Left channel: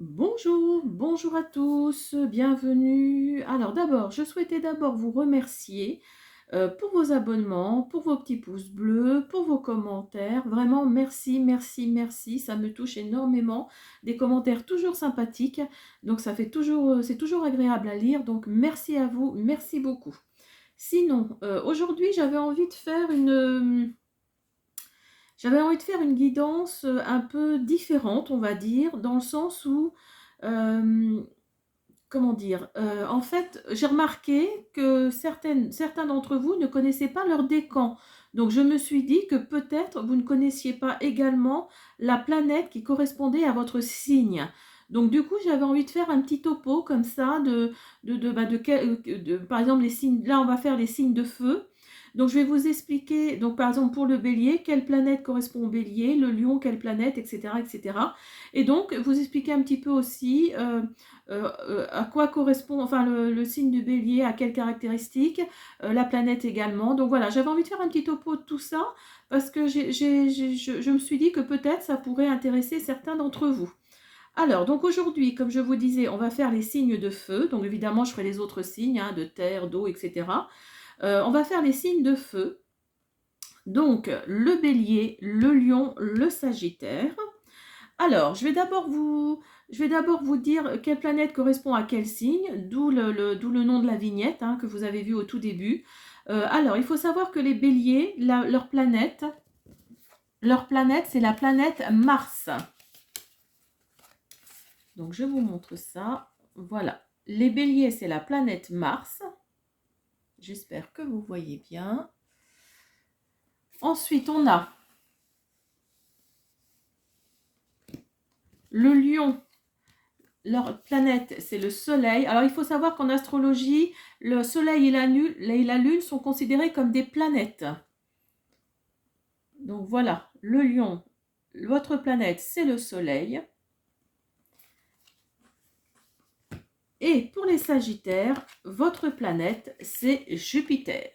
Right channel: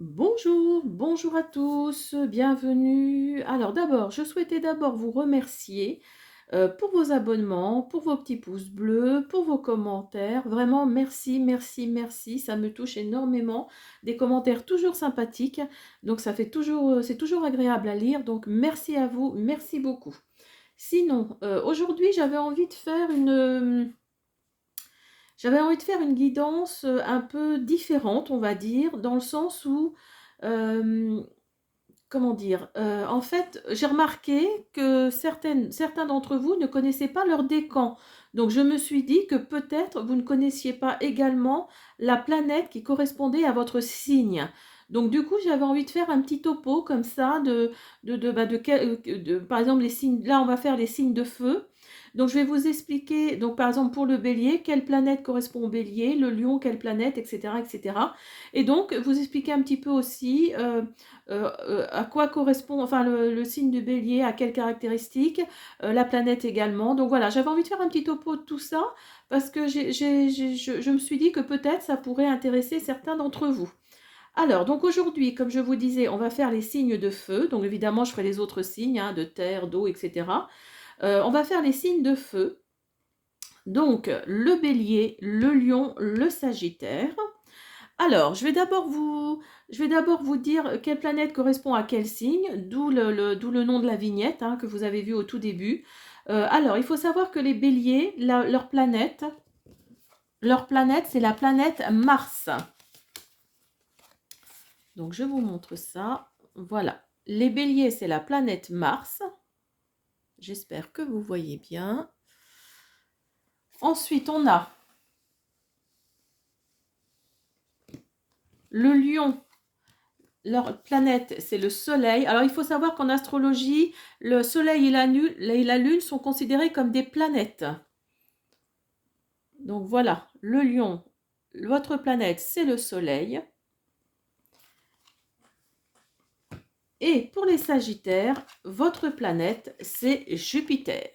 Bonjour, bonjour à tous, bienvenue. Alors d'abord, je souhaitais d'abord vous remercier pour vos abonnements, pour vos petits pouces bleus, pour vos commentaires. Vraiment, merci, merci, merci. Ça me touche énormément. Des commentaires toujours sympathiques. Donc ça fait toujours, c'est toujours agréable à lire. Donc merci à vous, merci beaucoup. Sinon, aujourd'hui, j'avais envie de faire une guidance un peu différente, on va dire, dans le sens où euh, comment dire? En fait, j'ai remarqué que certains d'entre vous ne connaissaient pas leur décan. Donc je me suis dit que peut-être vous ne connaissiez pas également la planète qui correspondait à votre signe. Donc du coup, j'avais envie de faire un petit topo comme ça par exemple les signes. Là, on va faire les signes de feu. Donc je vais vous expliquer, donc par exemple pour le bélier, quelle planète correspond au bélier, le lion, quelle planète, etc., etc. Et cetera. Et donc vous expliquer un petit peu aussi à quoi correspond, enfin le signe du bélier, à quelles caractéristiques, la planète également. Donc voilà, j'avais envie de faire un petit topo de tout ça parce que je me suis dit que peut-être ça pourrait intéresser certains d'entre vous. Alors, donc aujourd'hui, comme je vous disais, on va faire les signes de feu. Donc évidemment, je ferai les autres signes, hein, de terre, d'eau, etc. On va faire les signes de feu. Donc le bélier, le lion, le sagittaire. Alors, je vais d'abord vous dire quelle planète correspond à quel signe, d'où le nom de la vignette hein, que vous avez vu au tout début. Alors, il faut savoir que les béliers, leur planète, c'est la planète Mars. Donc, je vous montre ça. Voilà. Les béliers, c'est la planète Mars. J'espère que vous voyez bien. Ensuite, on a le lion. Leur planète, c'est le Soleil. Alors, il faut savoir qu'en astrologie, le Soleil et la Lune sont considérés comme des planètes. Donc voilà, le Lion, votre planète, c'est le Soleil. Et pour les Sagittaires, votre planète, c'est Jupiter.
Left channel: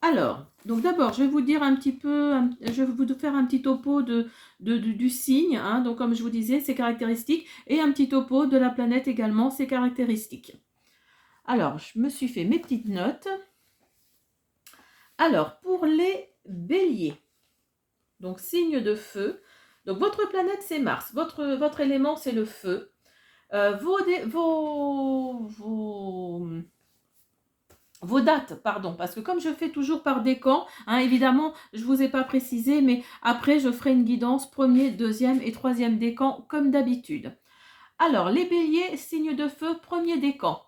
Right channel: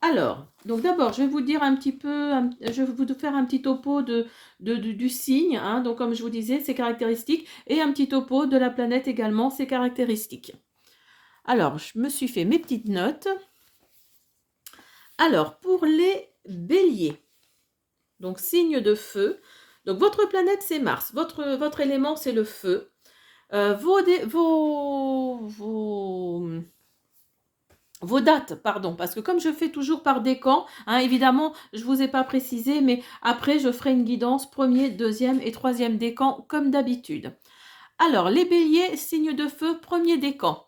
Alors, donc d'abord, je vais vous dire un petit peu, je vais vous faire un petit topo du signe, hein, donc comme je vous disais, ses caractéristiques, et un petit topo de la planète également, ses caractéristiques. Alors, je me suis fait mes petites notes. Alors, pour les béliers, donc signe de feu, donc votre planète c'est Mars, votre élément c'est le feu. Vos dates, pardon, parce que comme je fais toujours par décan, hein, évidemment, je ne vous ai pas précisé, mais après je ferai une guidance premier, deuxième et troisième décan comme d'habitude. Alors, les béliers, signe de feu, premier décan.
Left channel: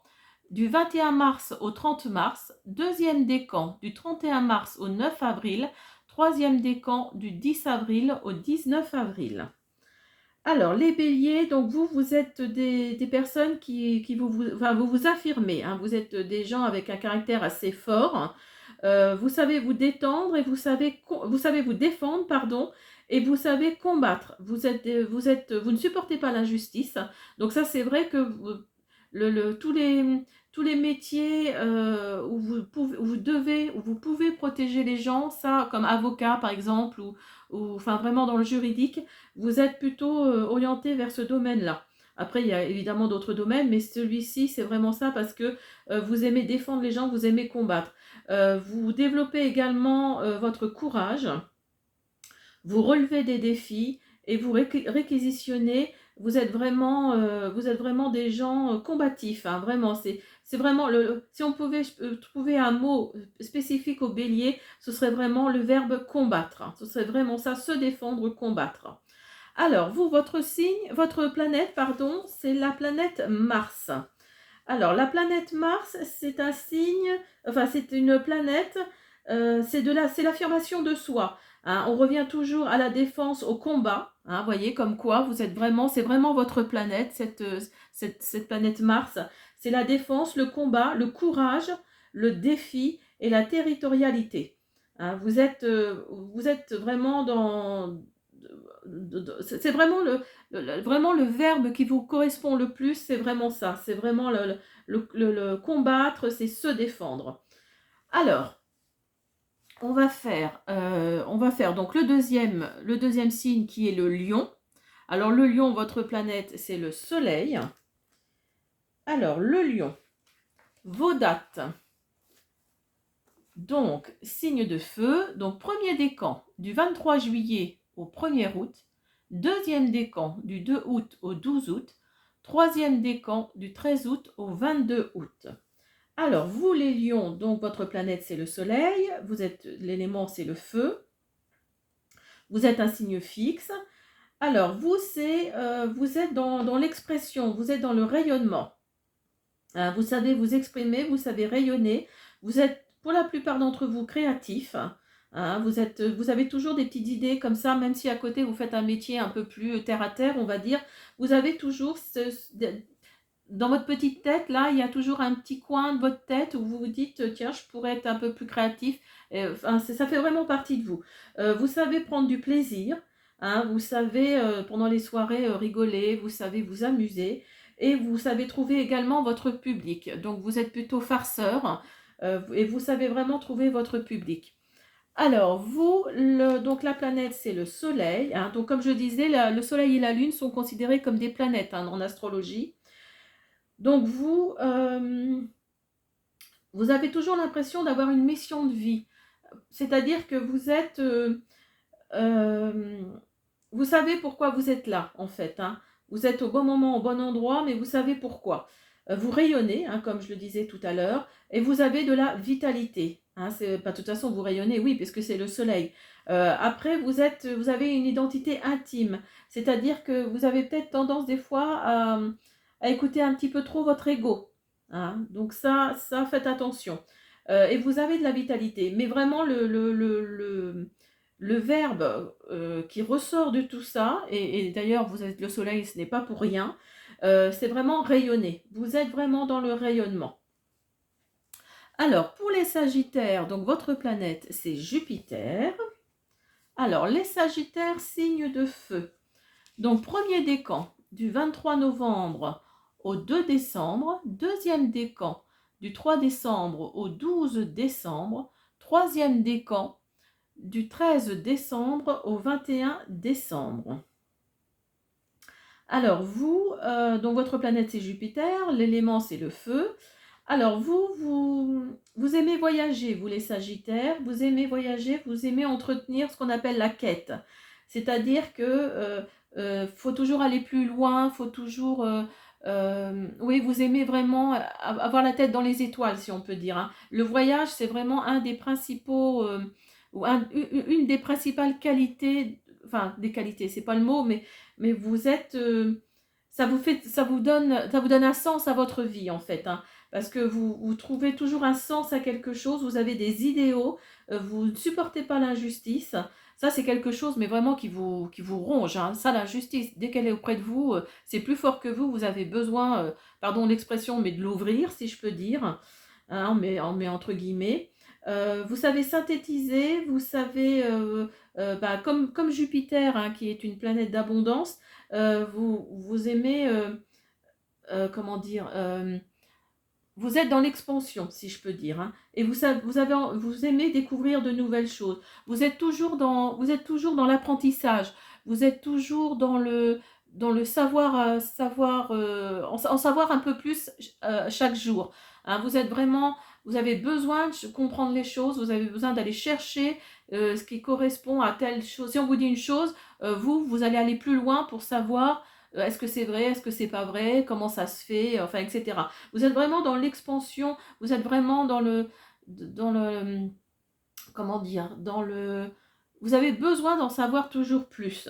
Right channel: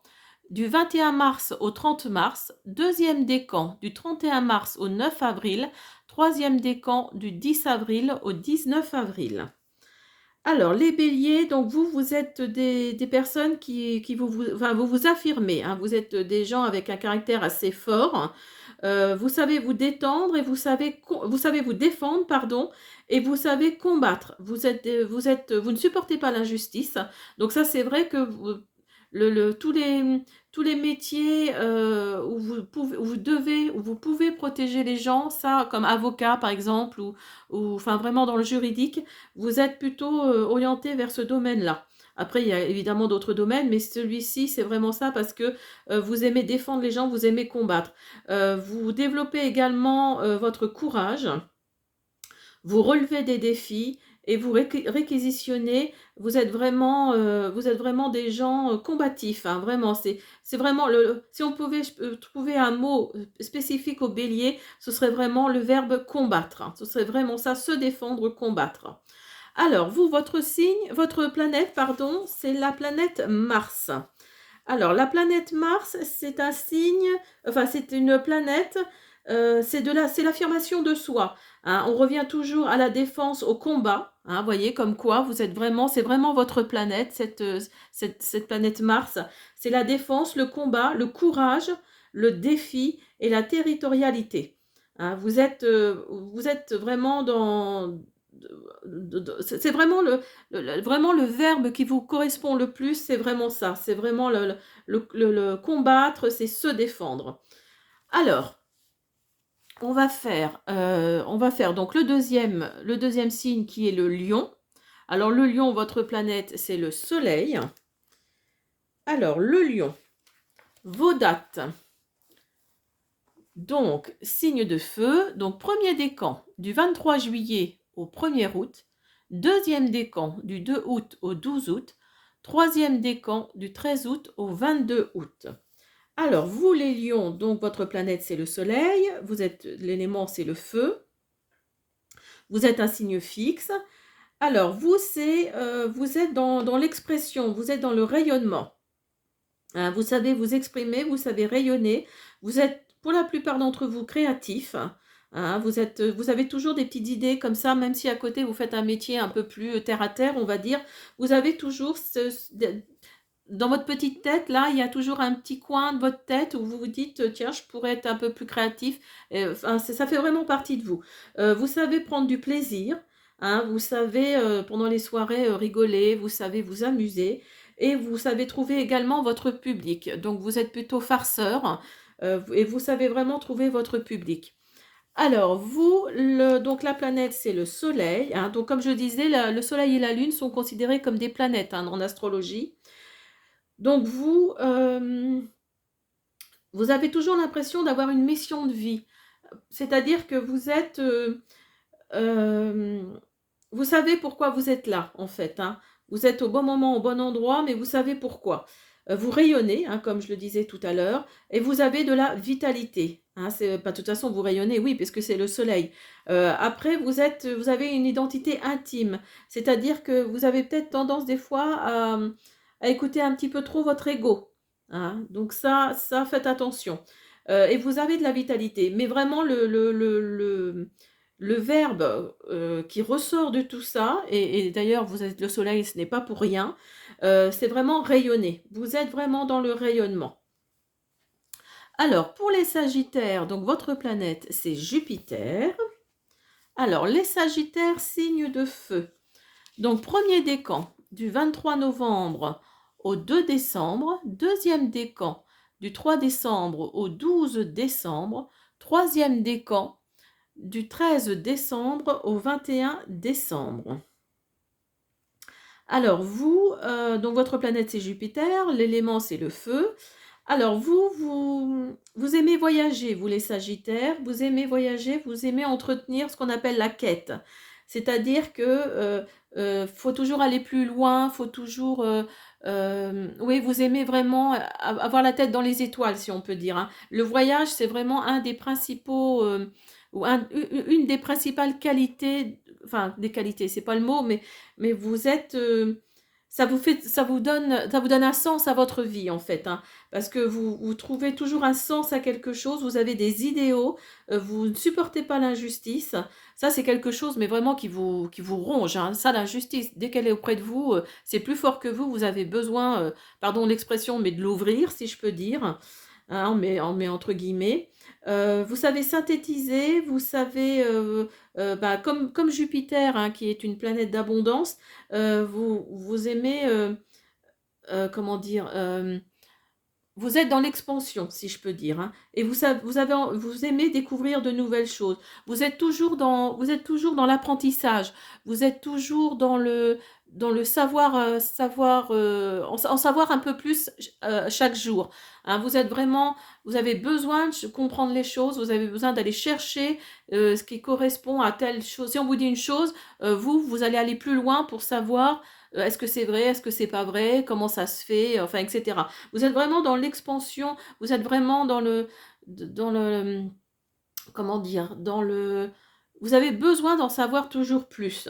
Du 21 mars au 30 mars, deuxième décan du 31 mars au 9 avril, troisième décan du 10 avril au 19 avril. Alors, les béliers, donc vous êtes des personnes enfin, vous vous affirmez, hein, vous êtes des gens avec un caractère assez fort, vous savez vous détendre et vous savez vous défendre, pardon, et vous savez combattre. Vous ne supportez pas l'injustice. Donc ça, c'est vrai que tous les métiers où vous pouvez protéger les gens, ça, comme avocat par exemple, ou enfin vraiment dans le juridique, vous êtes plutôt orienté vers ce domaine-là. Après, il y a évidemment d'autres domaines, mais celui-ci, c'est vraiment ça parce que vous aimez défendre les gens, vous aimez combattre. Vous développez également votre courage, vous relevez des défis et vous réquisitionnez. Vous êtes vraiment des gens combatifs, hein, vraiment. C'est vraiment si on pouvait trouver un mot spécifique au bélier, ce serait vraiment le verbe combattre, hein. Ce serait vraiment ça, se défendre, combattre. Alors, vous, votre planète, pardon, c'est la planète Mars. Alors, la planète Mars, c'est un signe, enfin, c'est une planète, c'est l'affirmation de soi, hein. On revient toujours à la défense, au combat, hein, vous voyez, comme quoi vous êtes vraiment, c'est vraiment votre planète, cette planète Mars. C'est la défense, le combat, le courage, le défi et la territorialité. Hein, vous êtes vraiment dans, c'est vraiment vraiment le verbe qui vous correspond le plus, c'est vraiment ça. C'est vraiment le combattre, c'est se défendre. Alors, On va faire donc le deuxième signe qui est le lion. Alors le lion, votre planète, c'est le soleil. Alors le lion, vos dates. Donc, signe de feu, donc premier décan du 23 juillet au 1er août, deuxième décan du 2 août au 12 août, troisième décan du 13 août au 22 août. Alors, vous les lions, donc votre planète c'est le soleil, vous êtes l'élément c'est le feu, vous êtes un signe fixe. Alors, vous êtes dans l'expression, vous êtes dans le rayonnement. Hein, vous savez vous exprimer, vous savez rayonner, vous êtes pour la plupart d'entre vous créatifs. Hein, vous avez toujours des petites idées comme ça, même si à côté vous faites un métier un peu plus terre à terre, on va dire. Vous avez toujours dans votre petite tête, là, il y a toujours un petit coin de votre tête où vous vous dites, tiens, je pourrais être un peu plus créatif. Enfin, ça fait vraiment partie de vous. Vous savez prendre du plaisir, hein, vous savez, pendant les soirées, rigoler, vous savez vous amuser et vous savez trouver également votre public. Donc, vous êtes plutôt farceur et vous savez vraiment trouver votre public. Alors, donc la planète, c'est le Soleil. Hein. Donc, comme je disais, le Soleil et la Lune sont considérés comme des planètes hein, en astrologie. Donc vous avez toujours l'impression d'avoir une mission de vie. C'est-à-dire que euh, vous savez pourquoi vous êtes là, en fait. Hein. Vous êtes au bon moment, au bon endroit, mais vous savez pourquoi. Vous rayonnez, hein, comme je le disais tout à l'heure, et vous avez de la vitalité. Hein, pas de toute façon, vous rayonnez, oui, parce que c'est le soleil. Après, vous avez une identité intime, c'est-à-dire que vous avez peut-être tendance des fois à écouter un petit peu trop votre ego. Hein. Donc ça, faites attention. Et vous avez de la vitalité, mais vraiment le verbe qui ressort de tout ça, et d'ailleurs vous êtes le soleil, ce n'est pas pour rien, c'est vraiment rayonner. Vous êtes vraiment dans le rayonnement. Alors, pour les Sagittaires, donc votre planète, c'est Jupiter. Alors, les Sagittaires, signe de feu. Donc, premier décan du 23 novembre au 2 décembre, deuxième décan du 3 décembre au 12 décembre, troisième décan du 13 décembre au 21 décembre. Alors donc votre planète c'est Jupiter, l'élément c'est le feu. Alors vous aimez voyager, vous les Sagittaires, vous aimez voyager, vous aimez entretenir ce qu'on appelle la quête. C'est-à-dire que faut toujours aller plus loin, faut toujours... oui, vous aimez vraiment avoir la tête dans les étoiles, si on peut dire. Hein. Le voyage, c'est vraiment un des principaux... ou une des principales qualités, enfin des qualités, c'est pas le mot, mais vous êtes, ça vous donne un sens à votre vie en fait, hein, parce que vous trouvez toujours un sens à quelque chose, vous avez des idéaux, vous ne supportez pas l'injustice. Ça c'est quelque chose, mais vraiment qui vous ronge. Hein. Ça, l'injustice, dès qu'elle est auprès de vous, c'est plus fort que vous. Vous avez besoin, pardon l'expression, mais de l'ouvrir, si je peux dire, hein, mais entre guillemets. Vous savez synthétiser, vous savez, comme Jupiter, hein, qui est une planète d'abondance, vous aimez, comment dire, vous êtes dans l'expansion, si je peux dire, hein, et vous aimez découvrir de nouvelles choses. Vous êtes toujours dans l'apprentissage. Vous êtes toujours dans le savoir, en savoir un peu plus chaque jour. Hein. Vous avez besoin de comprendre les choses. Vous avez besoin d'aller chercher ce qui correspond à telle chose. Si on vous dit une chose, vous allez aller plus loin pour savoir est-ce que c'est vrai, est-ce que c'est pas vrai, comment ça se fait, enfin, etc. Vous êtes vraiment dans l'expansion, vous êtes vraiment dans le, comment dire, vous avez besoin d'en savoir toujours plus.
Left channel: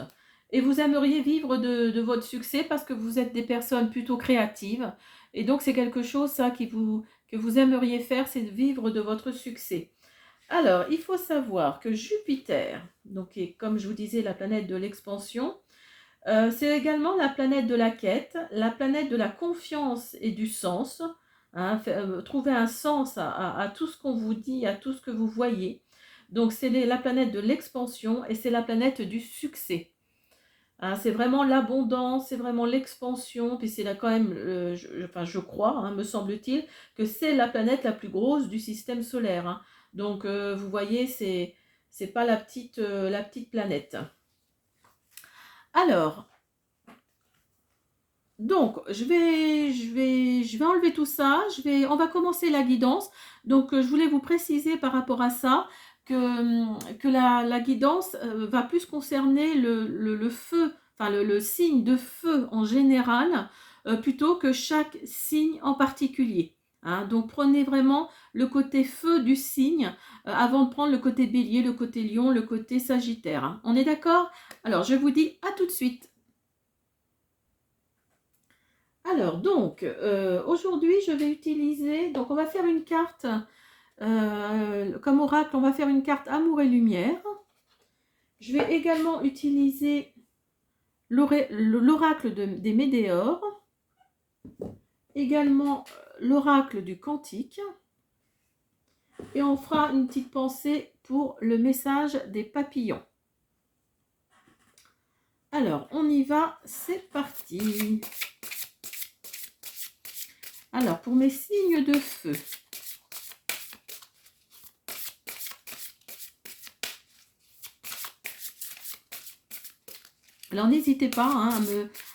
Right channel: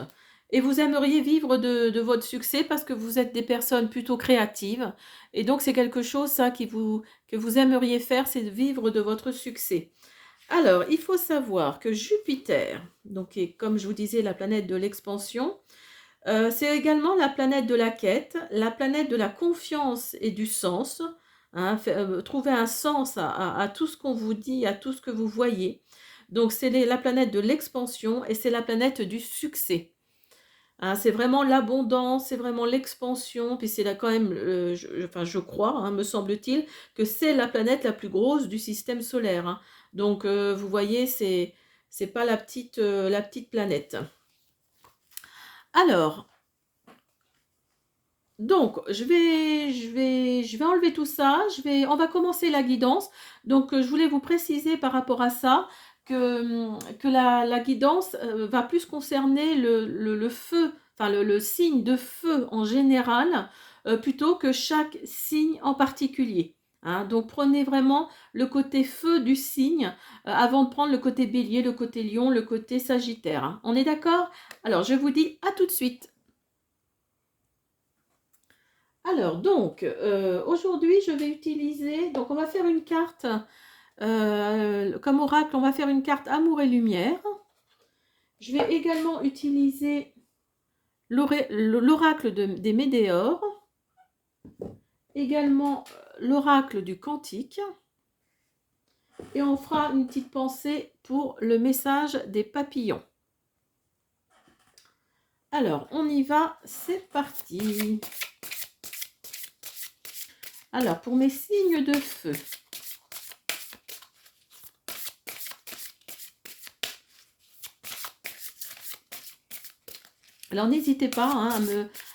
Et vous aimeriez vivre de votre succès parce que vous êtes des personnes plutôt créatives. Et donc, c'est quelque chose, ça, que vous aimeriez faire, c'est de vivre de votre succès. Alors, il faut savoir que Jupiter, donc, est, comme je vous disais, la planète de l'expansion, c'est également la planète de la quête, la planète de la confiance et du sens. Hein, trouver un sens à tout ce qu'on vous dit, à tout ce que vous voyez. Donc c'est la planète de l'expansion et c'est la planète du succès. Hein, c'est vraiment l'abondance, c'est vraiment l'expansion, puis c'est là quand même, enfin je crois, hein, me semble-t-il, que c'est la planète la plus grosse du système solaire. Hein. Donc, vous voyez, c'est pas la petite planète. Alors, donc, je vais enlever tout ça. On va commencer la guidance. Donc, je voulais vous préciser par rapport à ça que la guidance va plus concerner le feu, enfin le signe de feu en général, plutôt que chaque signe en particulier. Hein. Donc, prenez vraiment le côté feu du signe avant de prendre le côté bélier, le côté lion, le côté sagittaire. Hein. On est d'accord? Alors, je vous dis à tout de suite. Alors, donc, aujourd'hui, je vais utiliser, donc on va faire une carte, comme oracle, on va faire une carte Amour et Lumière. Je vais également utiliser l'oracle des Médéors, également l'oracle du Cantique, et on fera une petite pensée pour le message des papillons. Alors, on y va, c'est parti. Alors, pour mes signes de feu, alors n'hésitez pas hein,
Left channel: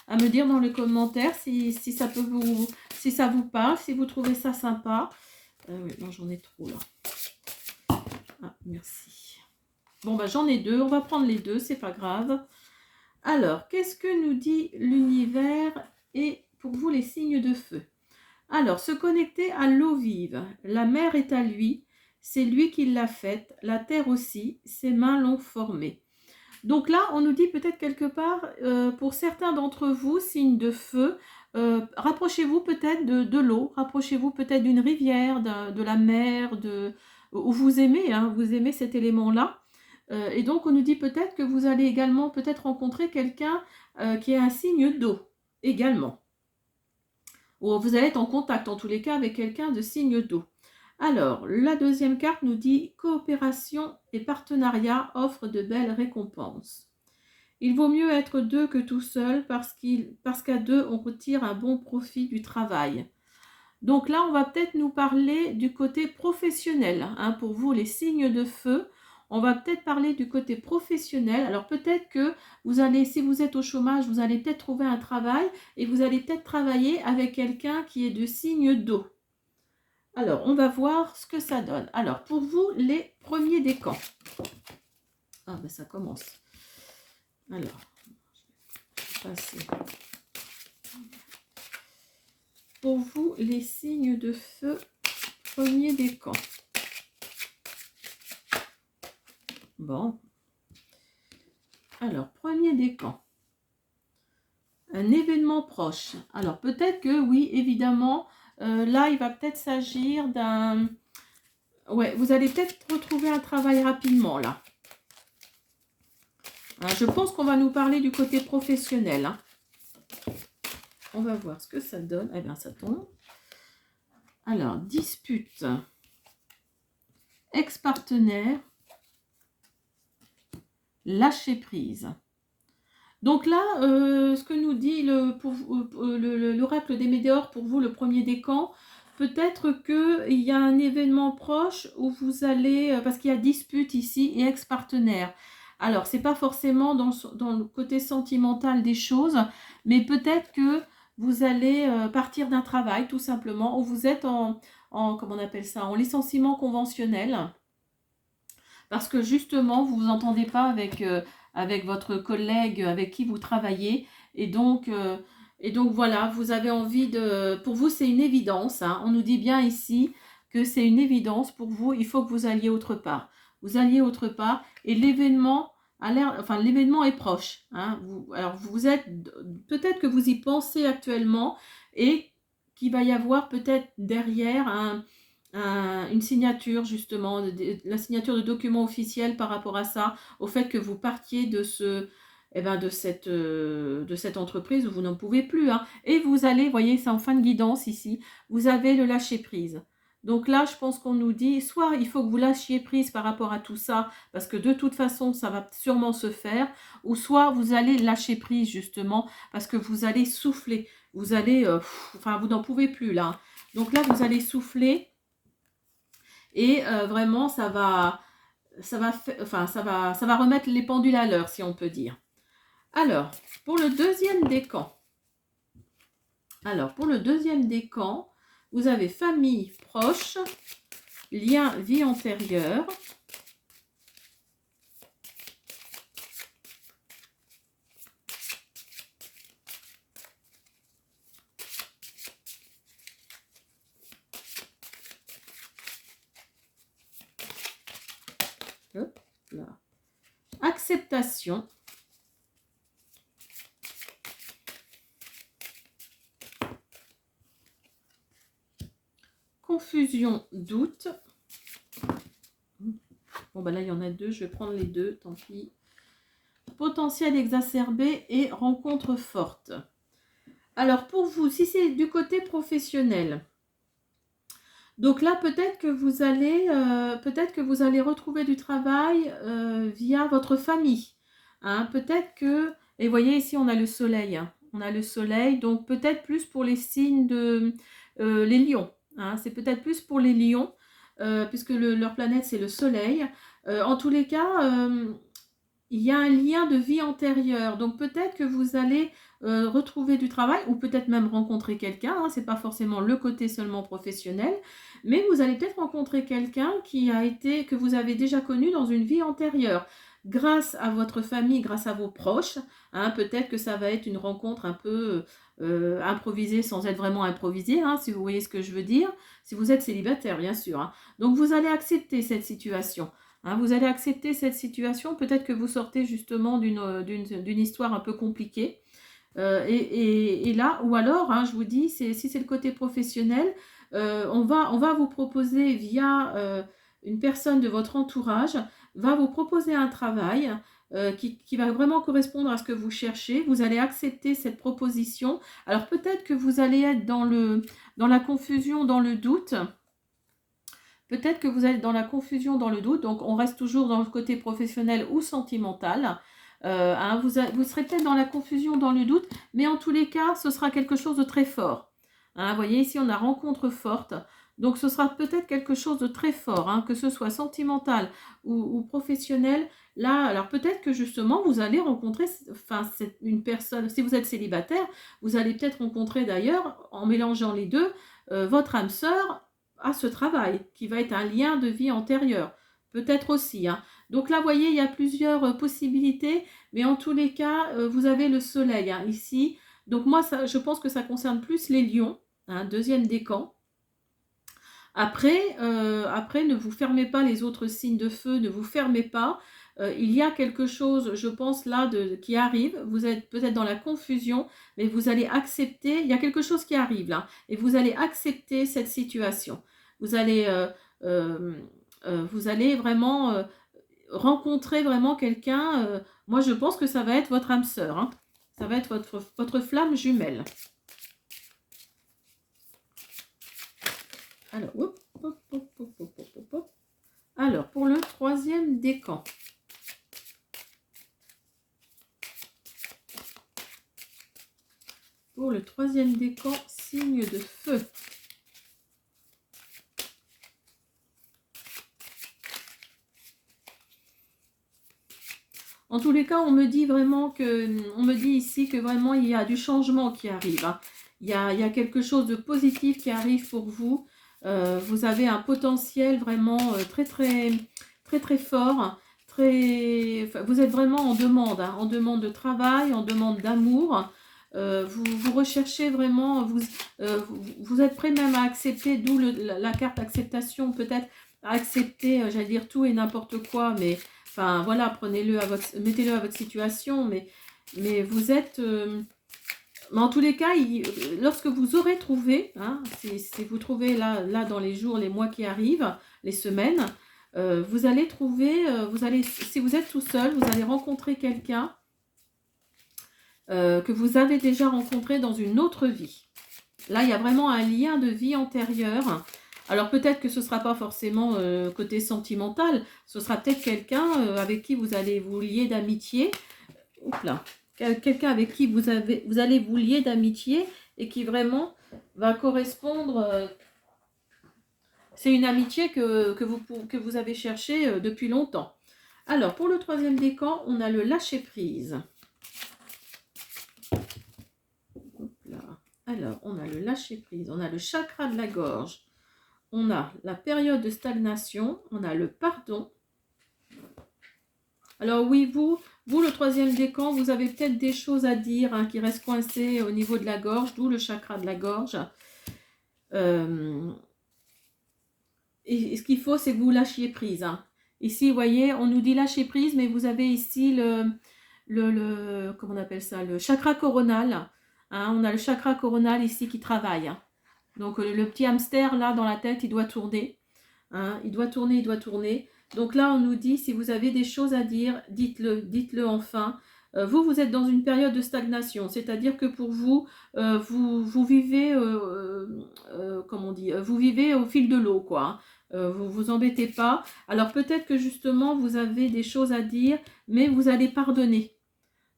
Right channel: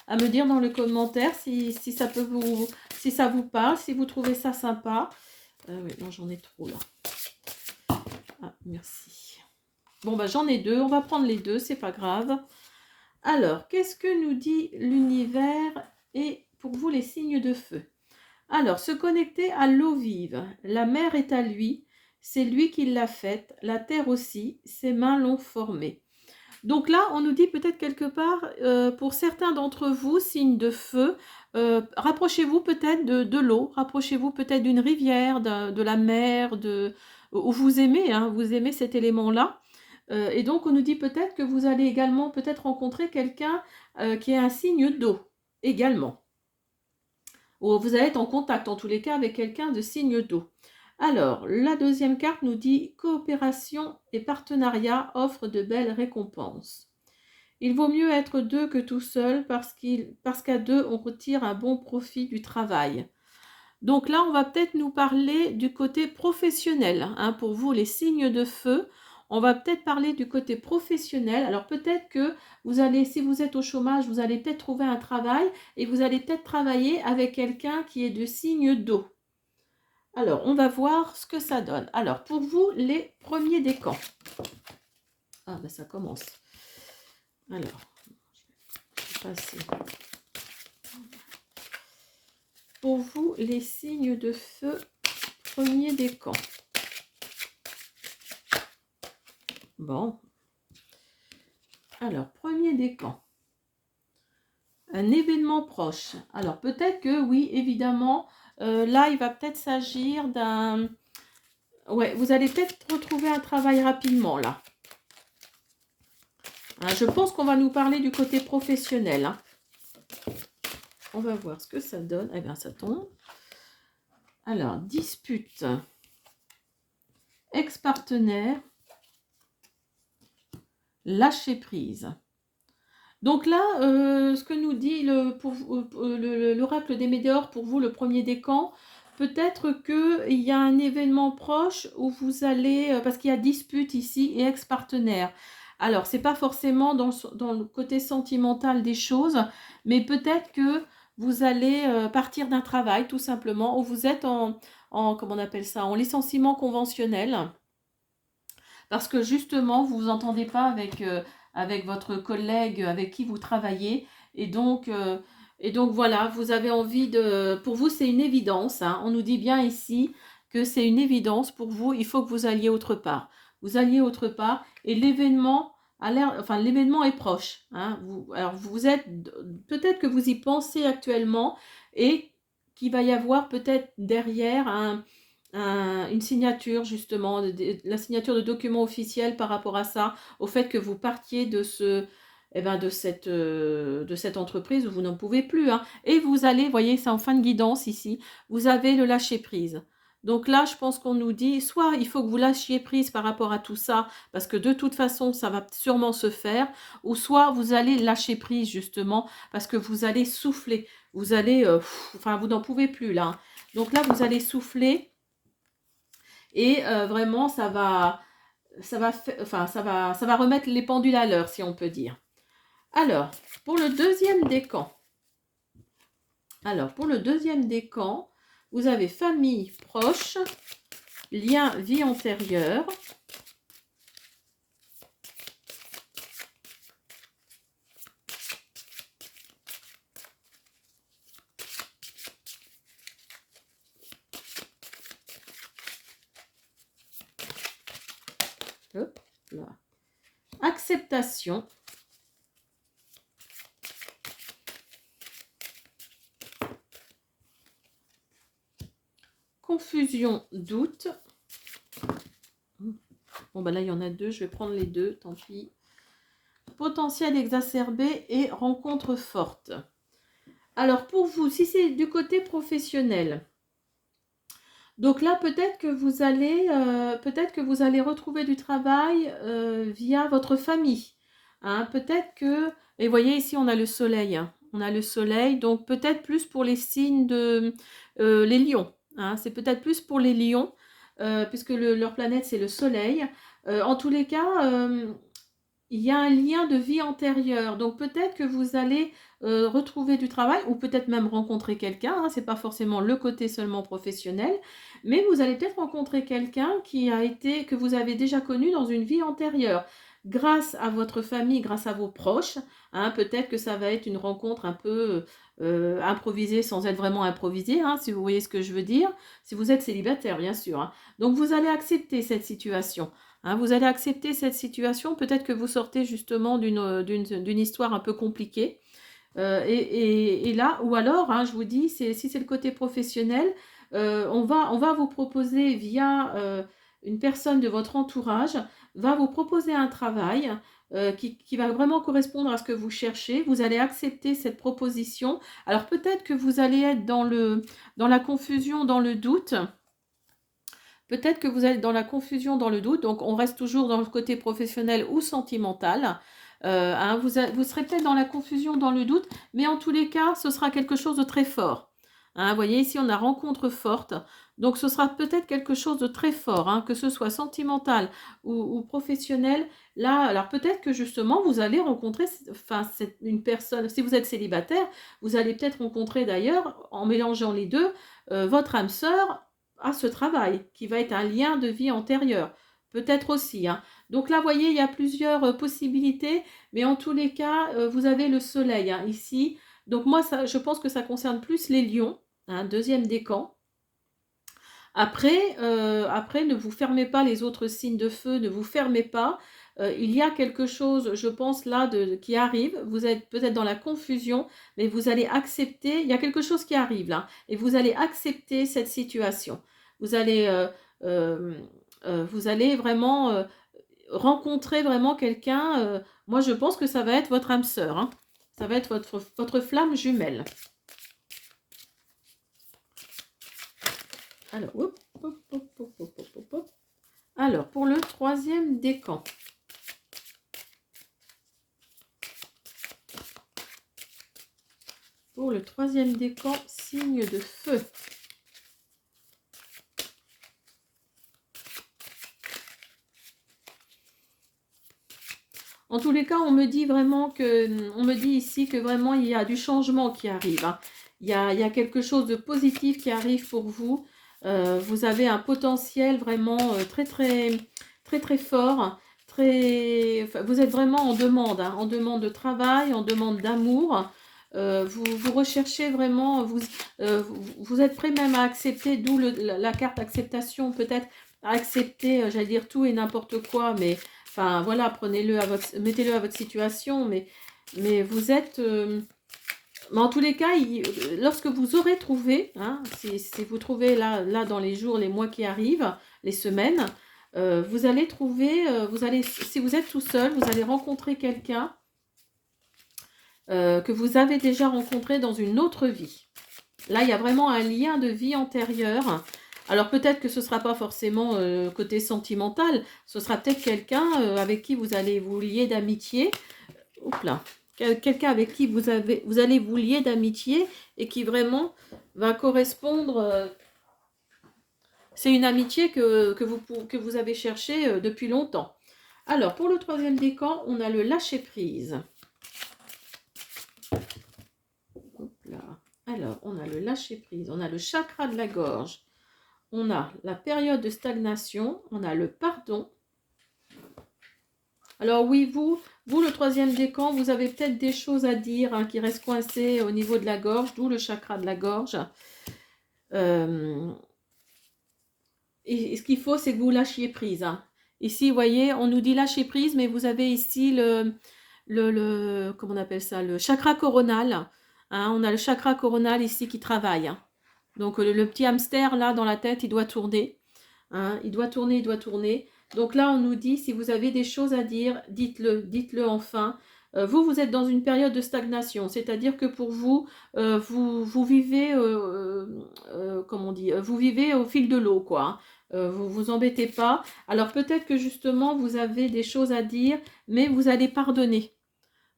à me dire dans les commentaires si ça peut si ça vous parle, si vous trouvez ça sympa. Oui, non, j'en ai trop là. Ah, merci. Bon, bah j'en ai deux, on va prendre les deux, c'est pas grave. Alors, qu'est-ce que nous dit l'univers et pour vous les signes de feu? Alors, se connecter à l'eau vive. La mer est à lui, c'est lui qui l'a faite, la terre aussi, ses mains l'ont formée. Donc là, on nous dit peut-être quelque part, pour certains d'entre vous, signes de feu, rapprochez-vous peut-être de l'eau, rapprochez-vous peut-être d'une rivière, de la mer, où vous aimez, hein, vous aimez cet élément-là. Et donc, on nous dit peut-être que vous allez également peut-être rencontrer quelqu'un qui est un signe d'eau, également. Ou vous allez être en contact, en tous les cas, avec quelqu'un de signe d'eau. Alors, la deuxième carte nous dit coopération et partenariat offrent de belles récompenses. Il vaut mieux être deux que tout seul parce qu'à deux, on retire un bon profit du travail. Donc là, on va peut-être nous parler du côté professionnel. Hein, pour vous, les signes de feu, on va peut-être parler du côté professionnel. Alors peut-être que vous allez, si vous êtes au chômage, vous allez peut-être trouver un travail et vous allez peut-être travailler avec quelqu'un qui est de signe d'eau. Alors, on va voir ce que ça donne. Alors, pour vous, les premiers décans. Ah, ben ça commence. Alors, je vais passer. Pour vous, les signes de feu, premier décan. Bon. Alors, premier décan. Un événement proche. Alors, peut-être que, oui, évidemment, là, il va peut-être s'agir d'un... Ouais, vous allez peut-être retrouver un travail rapidement, là. Hein, je pense qu'on va nous parler du côté professionnel. Hein. On va voir ce que ça donne. Eh bien, ça tombe. Alors, dispute. Ex-partenaire. Lâcher prise. Donc là, ce que nous dit l'oracle des Médéors, pour vous, le premier décan, peut-être qu'il y a un événement proche où vous allez, parce qu'il y a dispute ici et ex-partenaire. Alors, ce n'est pas forcément dans le côté sentimental des choses, mais peut-être que vous allez partir d'un travail, tout simplement, où vous êtes comment on appelle ça, en licenciement conventionnel. Parce que justement, vous ne vous entendez pas avec votre collègue avec qui vous travaillez. Et donc voilà, vous avez envie de... Pour vous, c'est une évidence. Hein. On nous dit bien ici que c'est une évidence pour vous. Il faut que vous alliez autre part. Vous alliez autre part. Et l'événement l'événement est proche. Hein. Alors, vous êtes... Peut-être que vous y pensez actuellement et qu'il va y avoir peut-être derrière une signature justement, la signature de documents officiels par rapport à ça, au fait que vous partiez de cette entreprise où vous n'en pouvez plus. Hein. Et vous allez, vous voyez, c'est en fin de guidance ici, vous avez le lâcher prise. Donc là, je pense qu'on nous dit, soit il faut que vous lâchiez prise par rapport à tout ça, parce que de toute façon, ça va sûrement se faire, ou soit vous allez lâcher prise justement, parce que vous allez souffler. Vous allez, vous n'en pouvez plus là. Donc là, vous allez souffler. et vraiment ça va remettre les pendules à l'heure, si on peut dire. Alors, pour le deuxième décan, vous avez famille proche, lien vie antérieure. Hop, là. Acceptation. Confusion, doute. Bon, ben là, il y en a deux. Je vais prendre les deux, tant pis. Potentiel exacerbé et rencontre forte. Alors, pour vous, si c'est du côté professionnel, donc là, peut-être que vous allez retrouver du travail via votre famille. Hein, peut-être que, et vous voyez ici, on a le soleil. Hein. On a le soleil, donc peut-être plus pour les signes de les lions. Hein, c'est peut-être plus pour les lions, puisque leur planète, c'est le soleil. En tous les cas, il y a un lien de vie antérieure. Donc peut-être que vous allez retrouver du travail ou peut-être même rencontrer quelqu'un. Hein, ce n'est pas forcément le côté seulement professionnel. Mais vous allez peut-être rencontrer quelqu'un que vous avez déjà connu dans une vie antérieure. Grâce à votre famille, grâce à vos proches, hein, peut-être que ça va être une rencontre un peu improvisée sans être vraiment improvisée, hein, si vous voyez ce que je veux dire. Si vous êtes célibataire, bien sûr. Hein. Donc vous allez accepter cette situation. Hein, vous allez accepter cette situation. Peut-être que vous sortez justement d'une histoire un peu compliquée. Et là, ou alors, hein, je vous dis, si c'est le côté professionnel, on va vous proposer via une personne de votre entourage, va vous proposer un travail qui va vraiment correspondre à ce que vous cherchez. Vous allez accepter cette proposition. Alors peut-être que vous allez être dans la confusion, dans le doute. Peut-être que vous êtes dans la confusion, dans le doute. Donc on reste toujours dans le côté professionnel ou sentimental. Hein, vous serez peut-être dans la confusion, dans le doute, mais en tous les cas, ce sera quelque chose de très fort. Hein, vous voyez, ici, on a rencontre forte. Donc, ce sera peut-être quelque chose de très fort, hein, que ce soit sentimental ou professionnel. Là, alors peut-être que justement, vous allez rencontrer une personne, si vous êtes célibataire, vous allez peut-être rencontrer d'ailleurs, en mélangeant les deux, votre âme sœur à ce travail, qui va être un lien de vie antérieur. Peut-être aussi, hein. Donc là, vous voyez, il y a plusieurs possibilités, mais en tous les cas, vous avez le soleil hein, ici. Donc moi, je pense que ça concerne plus les lions, hein, deuxième décan. Après, ne vous fermez pas les autres signes de feu, ne vous fermez pas. Il y a quelque chose, je pense, là, qui arrive. Vous êtes peut-être dans la confusion, mais vous allez accepter. Il y a quelque chose qui arrive là, et vous allez accepter cette situation. Vous allez, vous allez vraiment rencontrer vraiment quelqu'un. Moi, je pense que ça va être votre âme sœur. Hein. Ça va être votre flamme jumelle. Alors, hop, hop, hop, hop, hop, hop, hop. Alors, pour le troisième décan. Pour le troisième décan, signe de feu. En tous les cas, on me dit ici que vraiment il y a du changement qui arrive. Hein. Il y a quelque chose de positif qui arrive pour vous. Vous avez un potentiel vraiment très, très, très, très fort. Vous êtes vraiment en demande, hein, en demande de travail, en demande d'amour. Vous recherchez vraiment, vous êtes prêt même à accepter, d'où la carte acceptation, peut-être à accepter, j'allais dire tout et n'importe quoi, mais enfin voilà, mettez-le à votre situation, mais vous êtes, mais en tous les cas, lorsque vous aurez trouvé, hein, si vous trouvez là dans les jours, les mois qui arrivent, les semaines, vous allez trouver, si vous êtes tout seul, vous allez rencontrer quelqu'un que vous avez déjà rencontré dans une autre vie. Là, il y a vraiment un lien de vie antérieure. Alors peut-être que ce ne sera pas forcément côté sentimental, ce sera peut-être quelqu'un avec qui vous allez vous lier d'amitié. Oups là. Quelqu'un avec qui vous allez vous lier d'amitié et qui vraiment va correspondre. c'est une amitié que vous avez cherchée depuis longtemps. Alors, pour le troisième décan, on a le lâcher-prise. Alors, on a le lâcher-prise, on a le chakra de la gorge, on a la période de stagnation, on a le pardon. Alors oui, vous le troisième décan, vous avez peut-être des choses à dire hein, qui restent coincées au niveau de la gorge, d'où le chakra de la gorge. Et ce qu'il faut, c'est que vous lâchiez prise. Hein. Ici, vous voyez, on nous dit lâcher prise, mais vous avez ici comment on appelle ça, le chakra coronal. Hein, on a le chakra coronal ici qui travaille. Hein. Donc le petit hamster là dans la tête, il doit tourner. Hein, il doit tourner, il doit tourner. Donc là, on nous dit, si vous avez des choses à dire, dites-le enfin. Vous êtes dans une période de stagnation, c'est-à-dire que pour vous, vous vivez, comment on dit, vous vivez au fil de l'eau, quoi. Hein. Vous vous embêtez pas. Alors peut-être que justement, vous avez des choses à dire, mais vous allez pardonner.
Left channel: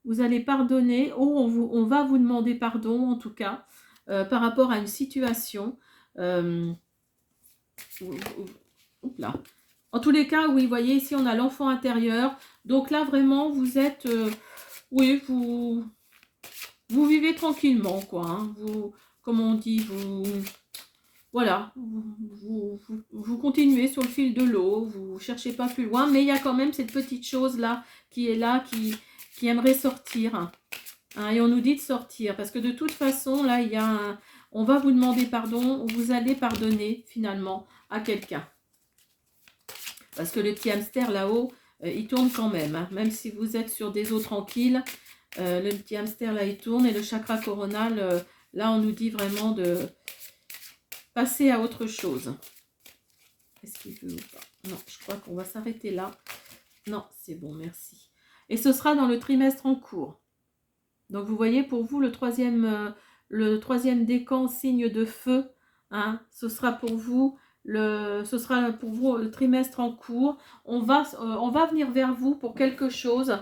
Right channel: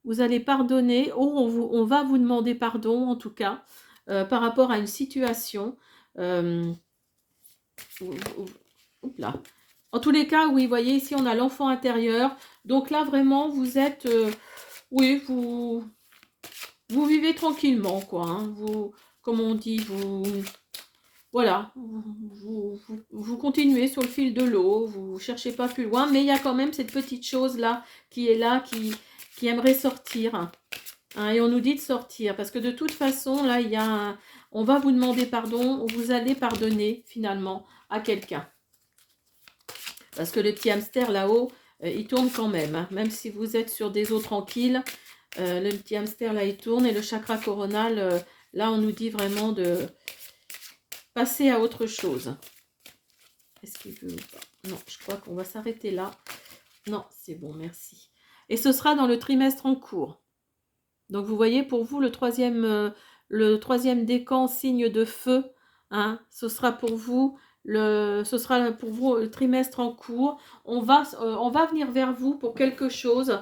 Vous allez pardonner, on va vous demander pardon, en tout cas, par rapport à une situation. Là. En tous les cas, oui, vous voyez, ici, on a l'enfant intérieur. Donc là, vraiment, vous êtes... oui, vous vivez tranquillement, quoi. Hein. Vous, comme on dit, voilà, vous continuez sur le fil de l'eau. Vous ne cherchez pas plus loin. Mais il y a quand même cette petite chose-là, qui aimerait sortir. Hein, et on nous dit de sortir. Parce que de toute façon, là, on va vous demander pardon. Vous allez pardonner, finalement, à quelqu'un. Parce que le petit hamster là-haut, il tourne quand même. Hein. Même si vous êtes sur des eaux tranquilles, le petit hamster là, il tourne. Et le chakra coronal, là, on nous dit vraiment de passer à autre chose. Est-ce qu'il veut pas? Non, je crois qu'on va s'arrêter là. Non, c'est bon, merci. Et ce sera dans le trimestre en cours. Donc, vous voyez, pour vous, le troisième décan, signe de feu, hein, ce sera pour vous... ce sera pour vous le trimestre en cours. On va venir vers vous pour quelque chose,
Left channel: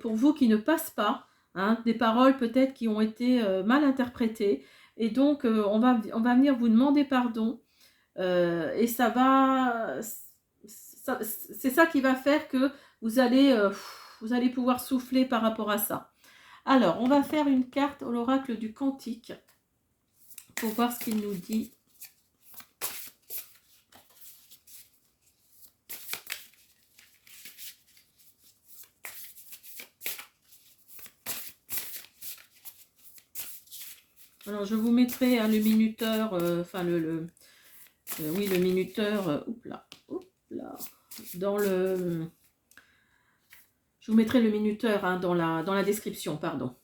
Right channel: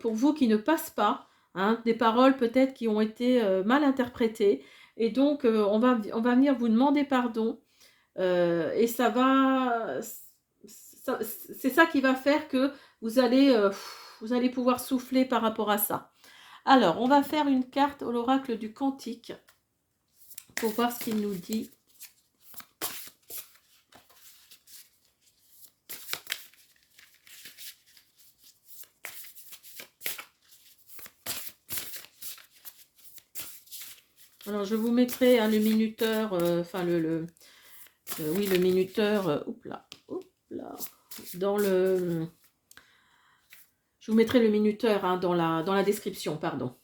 pour vous qui ne passe pas, hein, des paroles peut-être qui ont été mal interprétées. Et donc, on va venir vous demander pardon. Et ça va... c'est ça qui va faire que vous allez pouvoir souffler par rapport à ça. Alors, on va faire une carte à l'oracle du Cantique pour voir ce qu'il nous dit. Alors, je vous mettrai hein, le minuteur, enfin le minuteur, dans le... Je vous mettrai le minuteur hein, dans la description, pardon.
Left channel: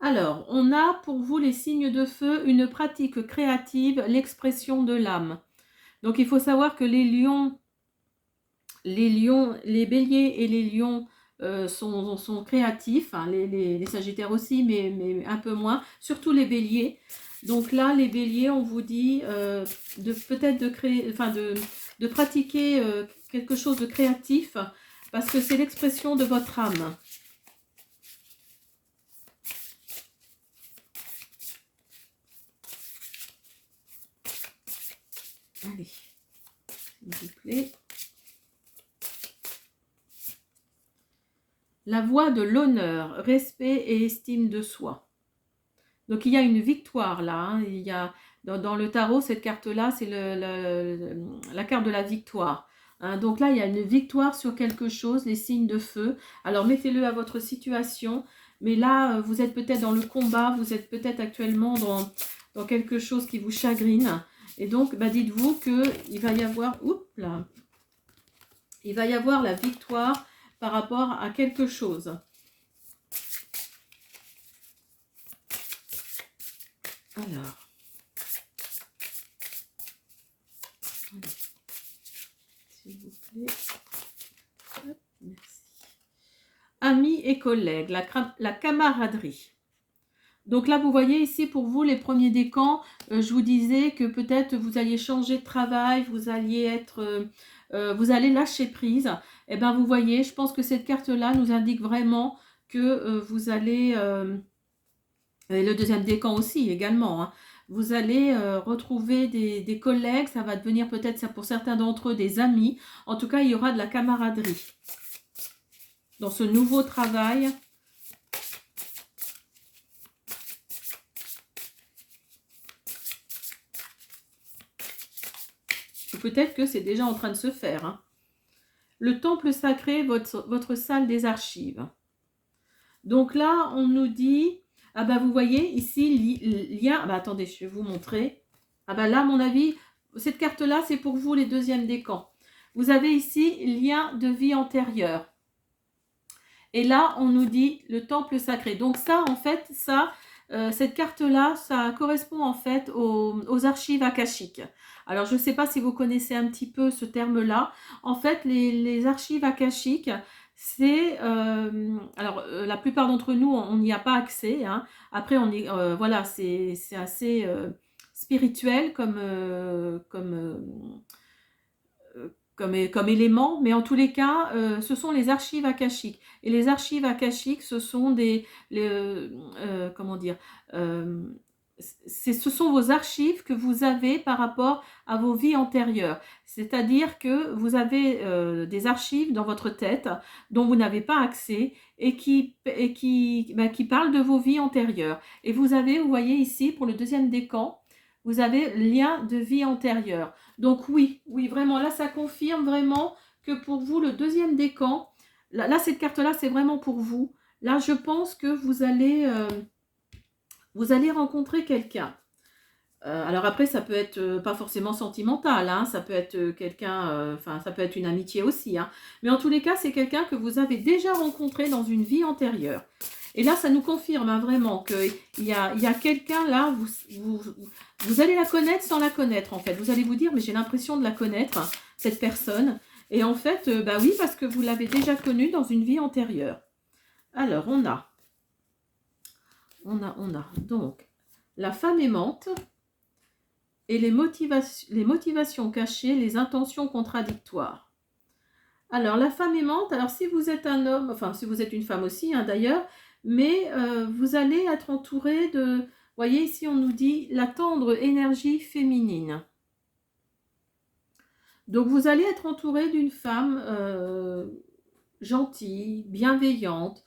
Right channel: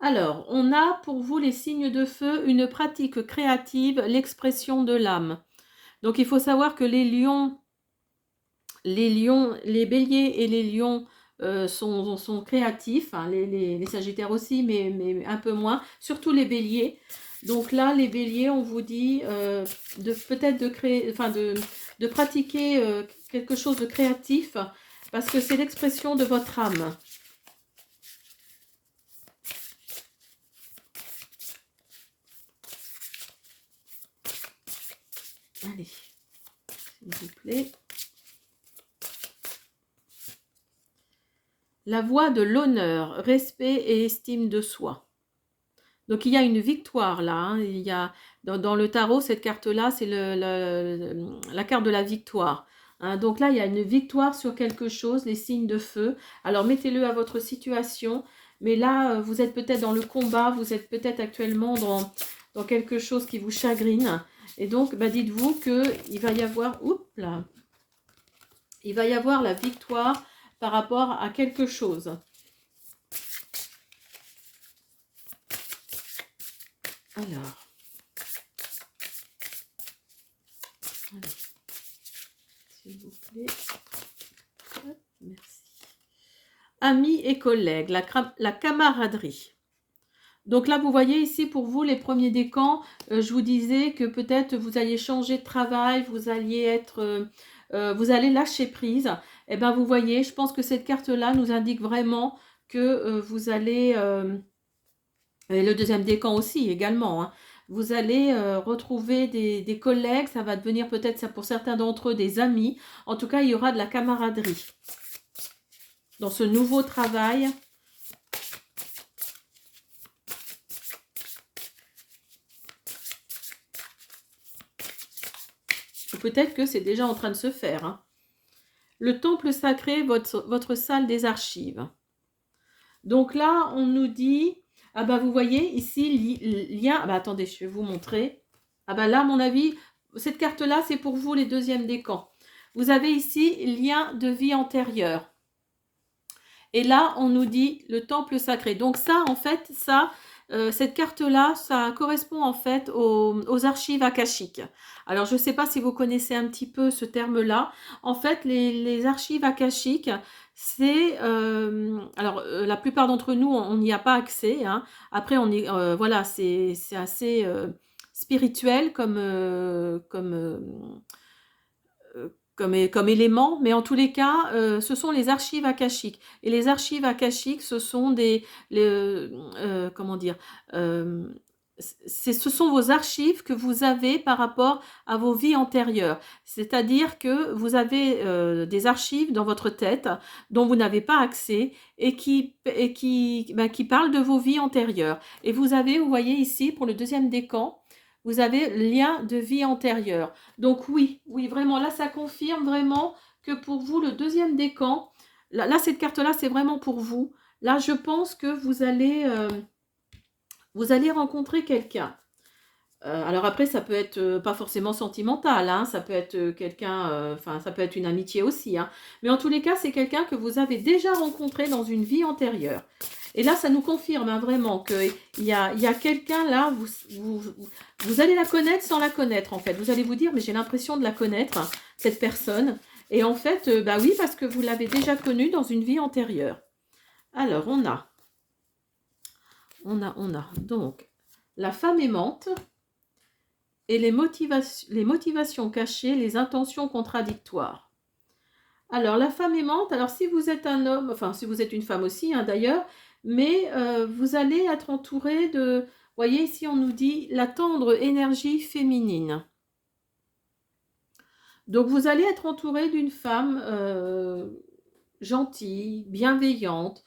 Alors, on a pour vous les signes de feu, une pratique créative, l'expression de l'âme. Donc, il faut savoir que les béliers et les lions sont créatifs, hein, les sagittaires aussi, mais un peu moins, surtout les béliers. Donc là, les béliers, on vous dit de pratiquer quelque chose de créatif, parce que c'est l'expression de votre âme. Allez, s'il vous plaît. La voie de l'honneur, respect et estime de soi. Donc, il y a une victoire là. Hein. Il y a, dans le tarot, cette carte-là, c'est la carte de la victoire. Hein. Donc là, il y a une victoire sur quelque chose, les signes de feu. Alors, mettez-le à votre situation. Mais là, vous êtes peut-être dans le combat, vous êtes peut-être actuellement dans quelque chose qui vous chagrine. Et donc, dites-vous qu'il va y avoir... il va y avoir la victoire par rapport à quelque chose. Alors, s'il vous plaît. Hop, merci. Amis et collègues, la camaraderie. Donc là, vous voyez ici pour vous, les premiers décans, je vous disais que peut-être vous alliez changer de travail, vous allez lâcher prise. Eh bien, vous voyez, je pense que cette carte-là nous indique vraiment que vous allez... et le deuxième décan aussi, également. Hein. vous allez retrouver des collègues, ça va devenir peut-être ça pour certains d'entre eux des amis. En tout cas, il y aura de la camaraderie dans ce nouveau travail. Ou peut-être que c'est déjà en train de se faire, hein. Le temple sacré, votre salle des archives. Donc là, on nous dit, ah bah vous voyez ici, lien, ah bah attendez, je vais vous montrer. Ah bah là, à mon avis, cette carte-là, c'est pour vous les deuxièmes décans. Vous avez ici lien de vie antérieure. Et là, on nous dit le temple sacré. Donc ça, en fait, ça, cette carte-là, ça correspond en fait aux archives akashiques. Alors, je ne sais pas si vous connaissez un petit peu ce terme-là. En fait, les archives akashiques, c'est... alors, la plupart d'entre nous, on n'y a pas accès, hein. Après, voilà, c'est assez spirituel comme élément, mais en tous les cas, ce sont les archives akashiques. Et les archives akashiques, ce sont comment dire, euh, ce sont vos archives que vous avez par rapport à vos vies antérieures. C'est-à-dire que vous avez des archives dans votre tête dont vous n'avez pas accès et qui parlent de vos vies antérieures. Et vous voyez ici, pour le deuxième décan, vous avez lien de vie antérieure. Donc oui, vraiment, là, ça confirme vraiment que pour vous, le deuxième décan, là cette carte-là, c'est vraiment pour vous. Là, je pense que vous allez rencontrer quelqu'un. Alors après, ça peut être pas forcément sentimental, hein, ça peut être quelqu'un, ça peut être une amitié aussi, hein. Mais en tous les cas, c'est quelqu'un que vous avez déjà rencontré dans une vie antérieure. Et là, ça nous confirme, hein, vraiment qu'il y a quelqu'un là, vous allez la connaître sans la connaître, en fait. Vous allez vous dire, mais j'ai l'impression de la connaître, cette personne. Et en fait, bah oui, parce que vous l'avez déjà connue dans une vie antérieure. Alors, on a. Donc, la femme aimante et les motivations cachées, les intentions contradictoires. Alors, la femme aimante, alors si vous êtes un homme, enfin si vous êtes une femme aussi, hein, d'ailleurs, mais vous allez être entouré de, vous voyez ici on nous dit la tendre énergie féminine. Donc vous allez être entouré d'une femme gentille, bienveillante,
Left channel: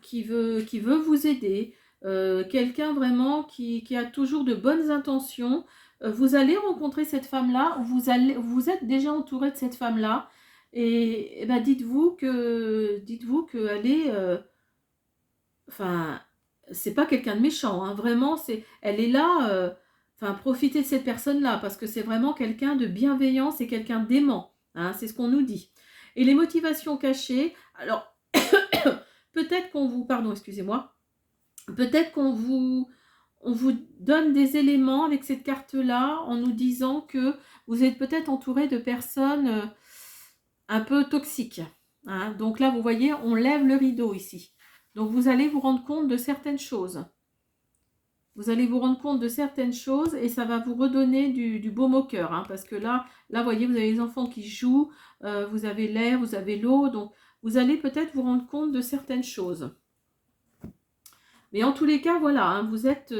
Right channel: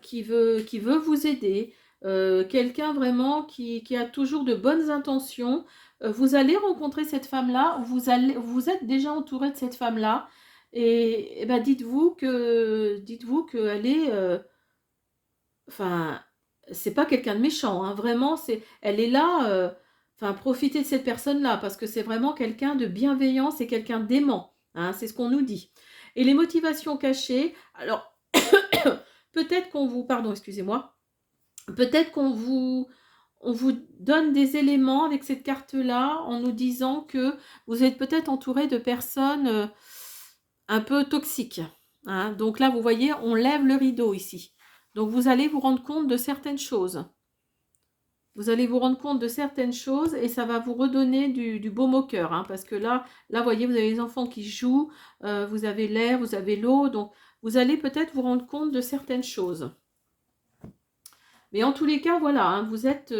qui veut vous aider, quelqu'un vraiment qui a toujours de bonnes intentions. Vous allez rencontrer cette femme-là, vous êtes déjà entouré de cette femme-là, et ben dites-vous qu'elle est, enfin, c'est pas quelqu'un de méchant, hein, vraiment, elle est là, profitez de cette personne-là, parce que c'est vraiment quelqu'un de bienveillant, c'est quelqu'un d'aimant, hein, c'est ce qu'on nous dit. Et les motivations cachées, alors, peut-être qu'on vous, pardon, excusez-moi, peut-être on vous donne des éléments avec cette carte-là en nous disant que vous êtes peut-être entouré de personnes un peu toxiques, hein. Donc là, vous voyez, on lève le rideau ici. Donc vous allez vous rendre compte de certaines choses. Vous allez vous rendre compte de certaines choses et ça va vous redonner du baume au cœur, hein, parce que là, vous voyez, vous avez les enfants qui jouent, vous avez l'air, vous avez l'eau, donc vous allez peut-être vous rendre compte de certaines choses. Mais en tous les cas, voilà, hein, vous êtes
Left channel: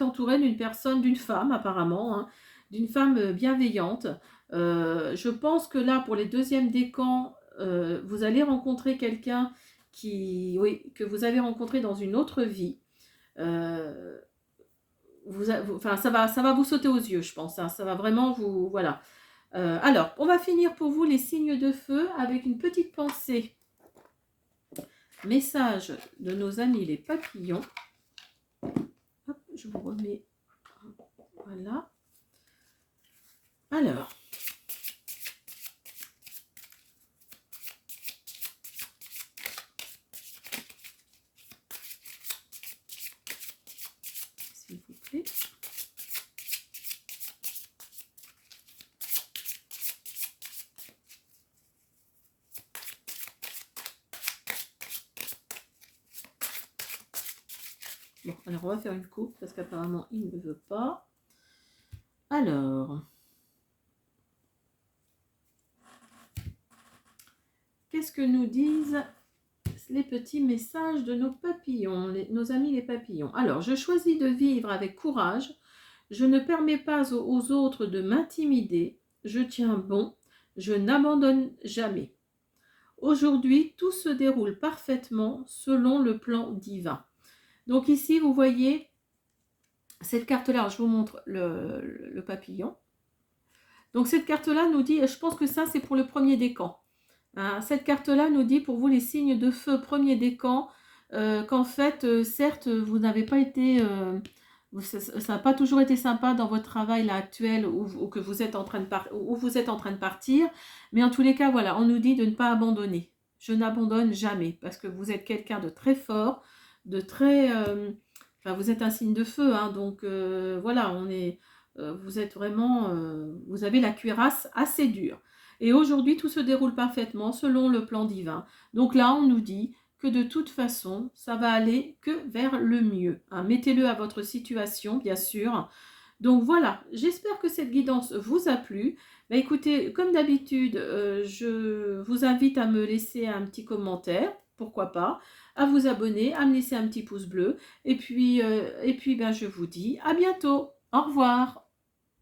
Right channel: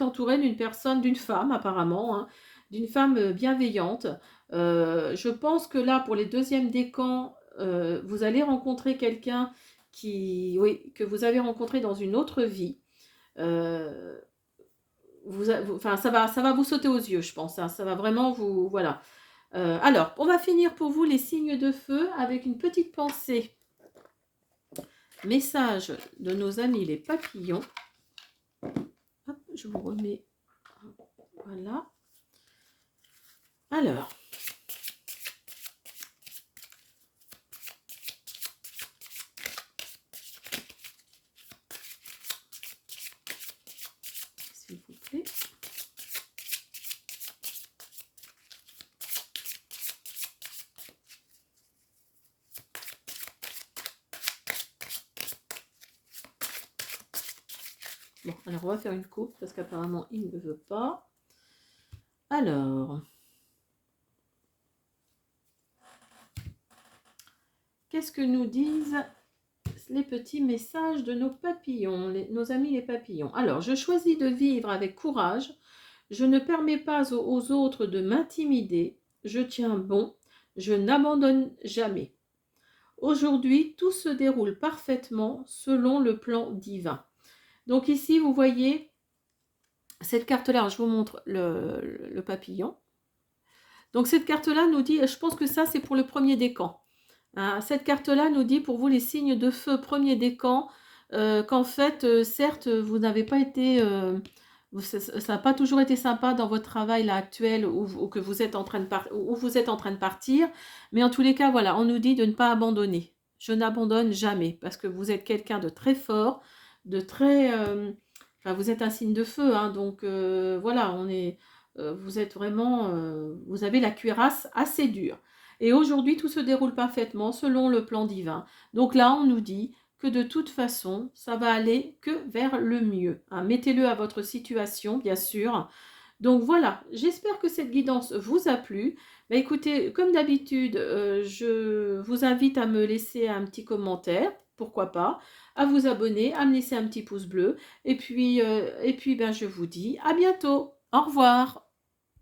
entouré d'une personne, d'une femme apparemment, hein, d'une femme bienveillante. Je pense que là, pour les deuxièmes décans, vous allez rencontrer quelqu'un que vous avez rencontré dans une autre vie. Euh, ça va vous sauter aux yeux, je pense, hein, ça va vraiment vous... Voilà. Alors, on va finir pour vous les signes de feu avec une petite pensée. Message de nos amis les papillons. Hop, je vous remets. Voilà. Alors. S'il vous plaît. Bon, alors on va faire une coupe parce qu'apparemment il ne veut pas. Alors, qu'est-ce que nous disent les petits messages de nos papillons, nos amis les papillons. Alors, je choisis de vivre avec courage. Je ne permets pas aux autres de m'intimider. Je tiens bon. Je n'abandonne jamais. Aujourd'hui, tout se déroule parfaitement selon le plan divin. Donc ici, vous voyez cette carte-là. Je vous montre le papillon. Donc cette carte-là nous dit, je pense que ça c'est pour le premier décan. Cette carte-là nous dit pour vous les signes de feu, premier décan, qu'en fait, certes, vous n'avez pas été, ça n'a pas toujours été sympa dans votre travail là actuel ou que vous êtes en train de où vous êtes en train de partir, mais en tous les cas, voilà, on nous dit de ne pas abandonner. Je n'abandonne jamais parce que vous êtes quelqu'un de très fort, de très, enfin, vous êtes un signe de feu, hein, donc voilà, vous êtes vraiment, vous avez la cuirasse assez dure. Et aujourd'hui, tout se déroule parfaitement selon le plan divin. Donc là, on nous dit que de toute façon, ça va aller que vers le mieux. Hein. Mettez-le à votre situation, bien sûr. Donc voilà, j'espère que cette guidance vous a plu. Bah, écoutez, comme d'habitude, je vous invite à me laisser un petit commentaire, pourquoi pas, à vous abonner, à me laisser un petit pouce bleu. Et puis ben, je vous dis à bientôt. Au revoir.